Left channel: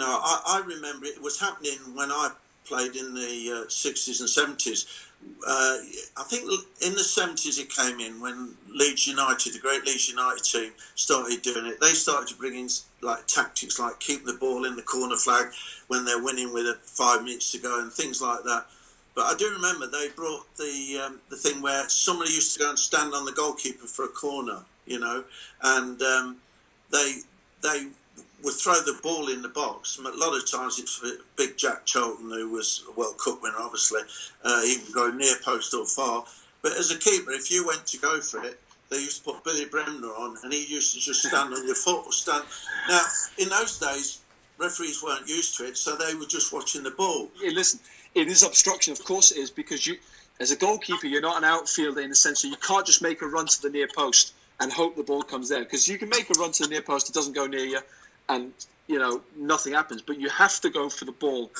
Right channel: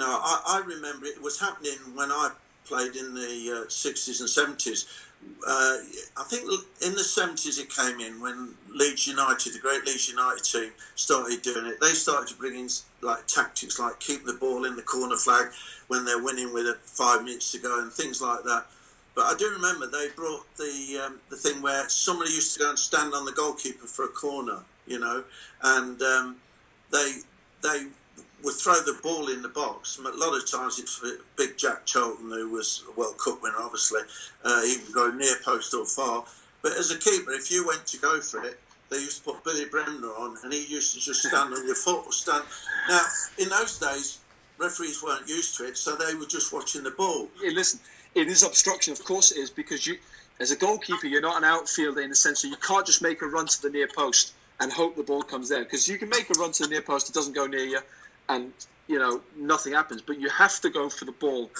I remember it was happening when I played in the 60s and 70s. I think in the 70s it came in when Leeds United, the great Leeds United team, started doing it. They started to bring in like tactics like keep the ball in the corner flag when they're winning with 5 minutes to go and things like that. But I do remember they brought the thing where somebody used to go and stand on the goalkeeper for a corner, and they would throw the ball in the box. A lot of times it's for big Jack Shilton, who was a World Cup winner, obviously. He would go near post or far. But as a keeper, if you went to go for it, they used to put Billy Bremner on, and he used to just stand on your foot or stand. Now, in those days, referees weren't used to it, so they were just watching the ball. Yeah, listen, it is obstruction. Of course it is, because you, as a goalkeeper, you're not an outfielder in the sense that you can't just make a run to the near post and hope the ball comes there. Because you can make a run to the near post, it doesn't go near you, and nothing happens. But you have to go for the ball.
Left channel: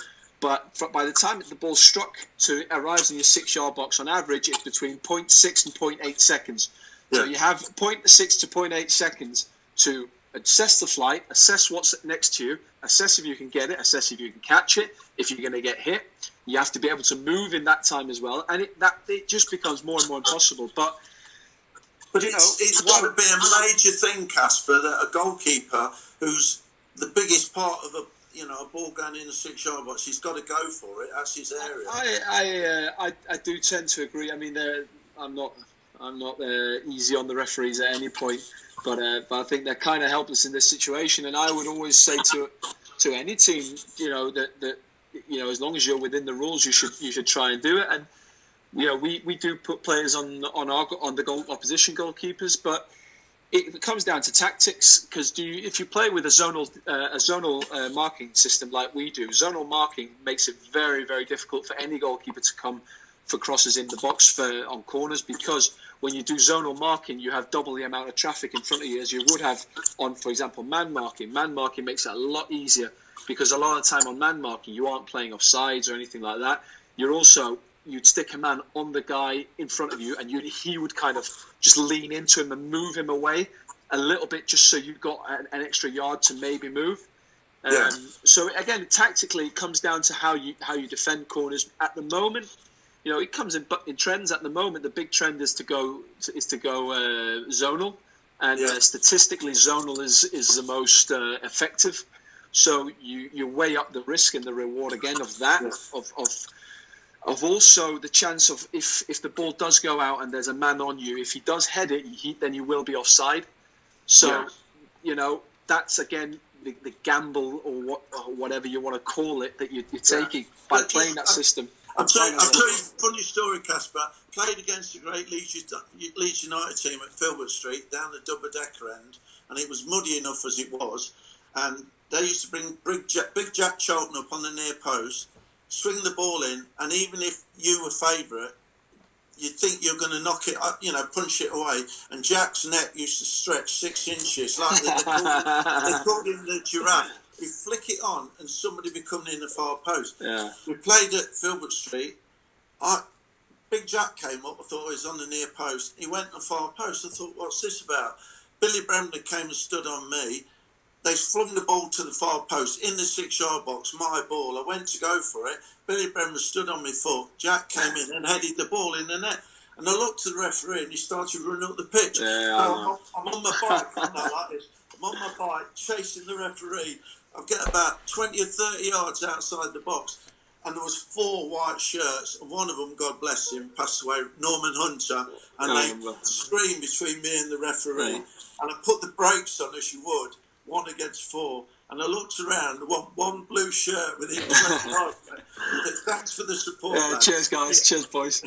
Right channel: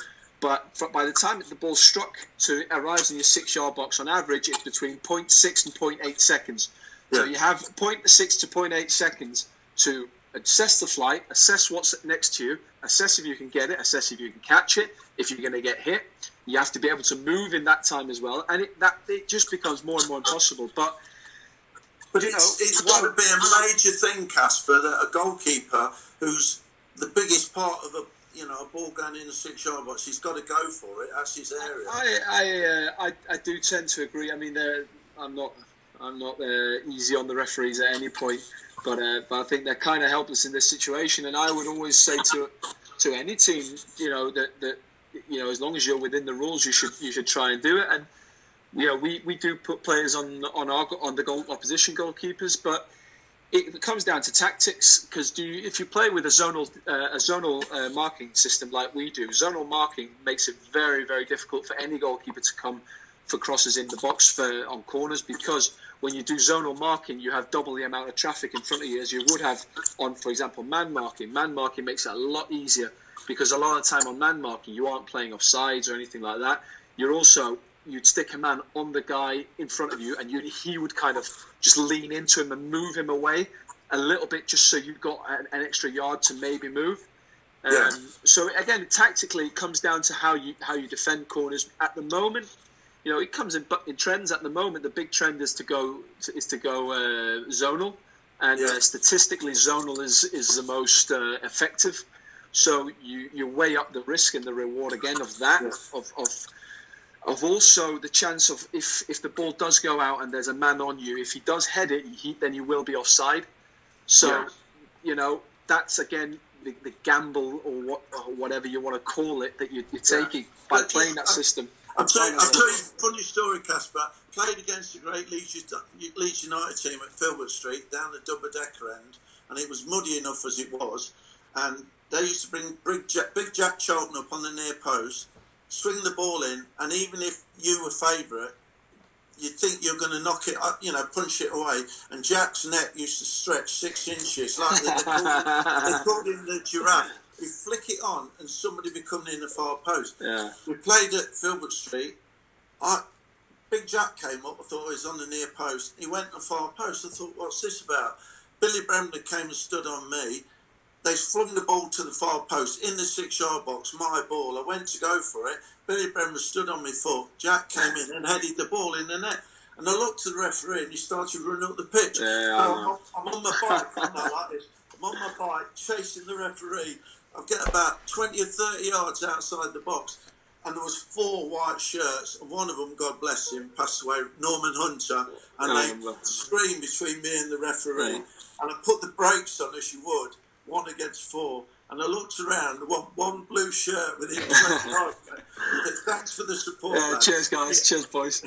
But by the time the ball's struck to arrives in your 6-yard box, on average, it's between 0.6 and 0.8 seconds. Yeah. So you have 0.6 to 0.8 seconds to assess the flight, assess what's next to you, assess if you can get it, assess if you can catch it, if you're going to get hit. You have to be able to move in that time as well, and it just becomes more and more impossible. But it's got to be a major thing, Kasper, that a goalkeeper who's the biggest part of a ball going in the 6-yard box, he's got to go for it. That's his area. I do tend to agree. I mean, I'm not easy on the referees at any point, but I think they're kind of helpless in this situation. And I would always say to any team, that as long as you're within the rules, you should try and do it. And we do put players on the opposition goalkeepers, but it comes down to tactics. Because if you play with a zonal marking system like we do, zonal marking makes it very, very difficult for any goalkeeper to come for crosses in the box on corners, because when you do zonal marking, you have double the amount of traffic in front of you as you would have on, for example, man marking. Man marking makes it a lot easier, because a lot of the time on man marking, you aren't playing offsides or anything like that. You'd stick a man on the guy in front of you, and he would kind of just lean into him and move him away a little bit, just so you've got an extra yard to maybe move. So again, tactically, it comes down to how you defend corners. At the moment, it comes in trends. At the moment, the big trend is to go zonal, and statistically, zonal is the most effective. So you weigh up the risk and the reward again of that, of also the chance of if the ball does go out and there's a man on you, if he does head it, then you will be offside. So that's again the gamble or whatever you want to call it that you're taking by playing that system. I'll tell you a funny story, Kasper. Played against the great Leeds United team at Filbert Street down the double-decker end, and it was muddy enough as it was, and they used to bring big Jack Shilton up on the near post, swing the ball in, and even if you were favourite, you think you're going to knock it up, punch it away, and Jack's neck used to stretch 6 inches, like they called him the giraffe. You flick it on, and somebody be coming in the far post. Yeah. We played at Filbert Street. Big Jack came up. I thought he was on the near post. He went to the far post. I thought, what's this about? Billy Bremner came and stood on me. They flung the ball to the far post in the 6-yard box. My ball. I went to go for it. Billy Bremner stood on my foot. Jack came in and headed the ball in the net. And I looked at the referee, and he started running up the pitch. Yeah, I'm on my bike. I'm like this. I'm on my bike chasing the referee. I get about 20 or 30 yards outside the box, and there was 4 white shirts, and one of them, God bless him, passed away, Norman Hunter, and they screamed between me and the referee, and I put the brakes on as you would, 1 against 4, and I looked around, one blue shirt with him. Thanks for the support. Cheers, guys. Cheers, boys.